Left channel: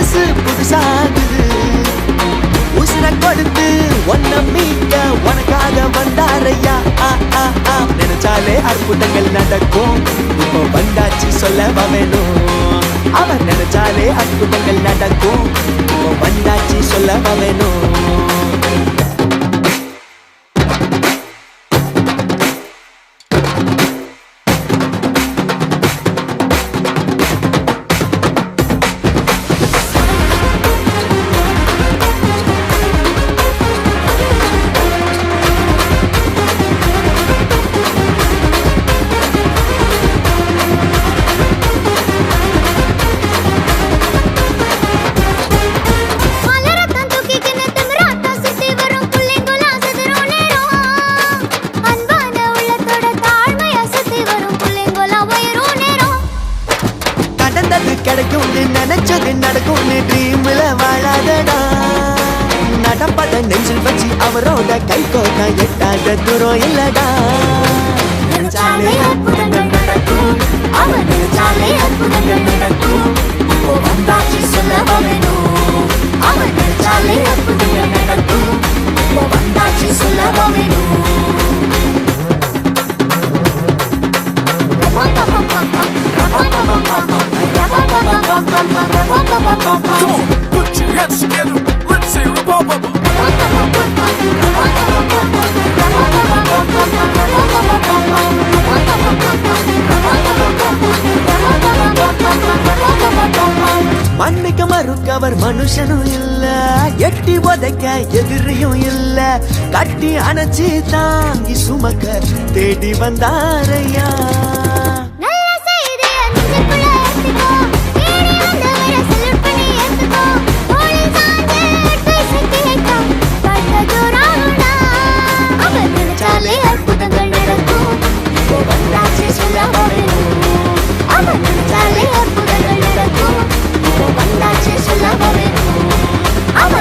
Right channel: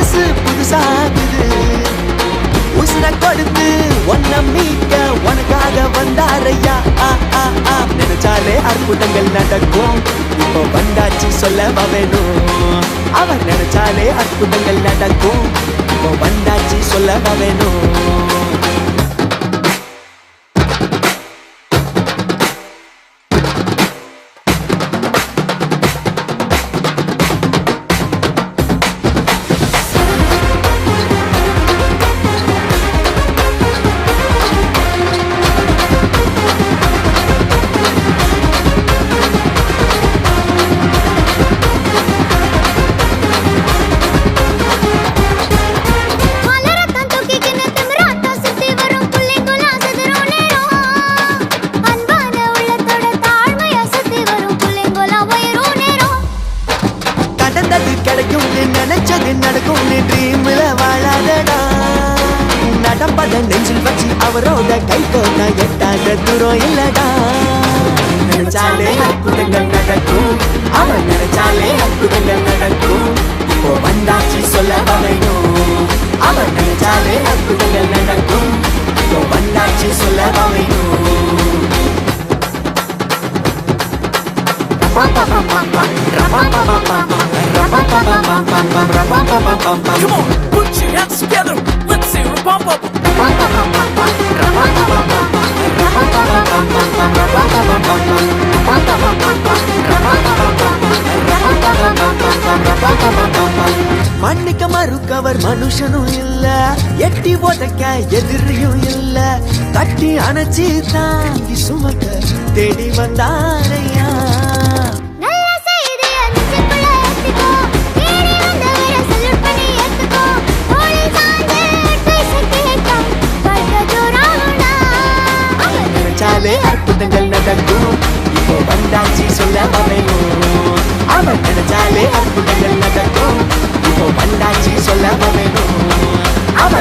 மனசு புதுசாகுது உசுர கொடுத்து ஒன்ன மீட்க உனக்காக வந்தாரையா நினைச்சாலே அற்புதங்கள் நடக்கும் இப்போ வந்தாச்சு சொல்லவா வேணும் அவர் நினைச்சாலே அற்புதங்கள் நடக்கும் இப்போ வந்தாச்சு சொல்லவா வேணும் கிடைக்கும்னு நினைச்சது நடக்கும்னு ட்ரீம்ல வாழாதடா நடப்பத நெஞ்சில் வச்சு அவரோட கை கோட்டா எட்டாத தூரம் இல்லடா நினைச்சாலே அற்புதங்கள் நடக்கும் அவர் நினைச்சாலே அற்புதங்கள் நடக்கும் இப்போ வந்தாச்சு சொல்லவா வேணும் அவர் நினைச்சாலே அற்புதங்கள் நடக்கும் இப்போ வந்தாச்சு சொல்லவா வேணும் Come on, put your hands together. Let's hear a bum bum. மாட்டிக்க மறுக்கவர் மனுஷனும் இல்ல எட்டி உதைக்க எதிரியும் இல்ல கட்டி அணைச்சி தாங்கி சுமக்க தேடி வந்தாரையா அற்புதங்கள் நடக்கும் இப்போ வந்தாச்சு சொல்லவா வேணும் அவன் நினைச்சாலே அற்புதங்கள் நடக்கும் இப்போ வந்தாச்சு சொல்லவா வேணும் அவன்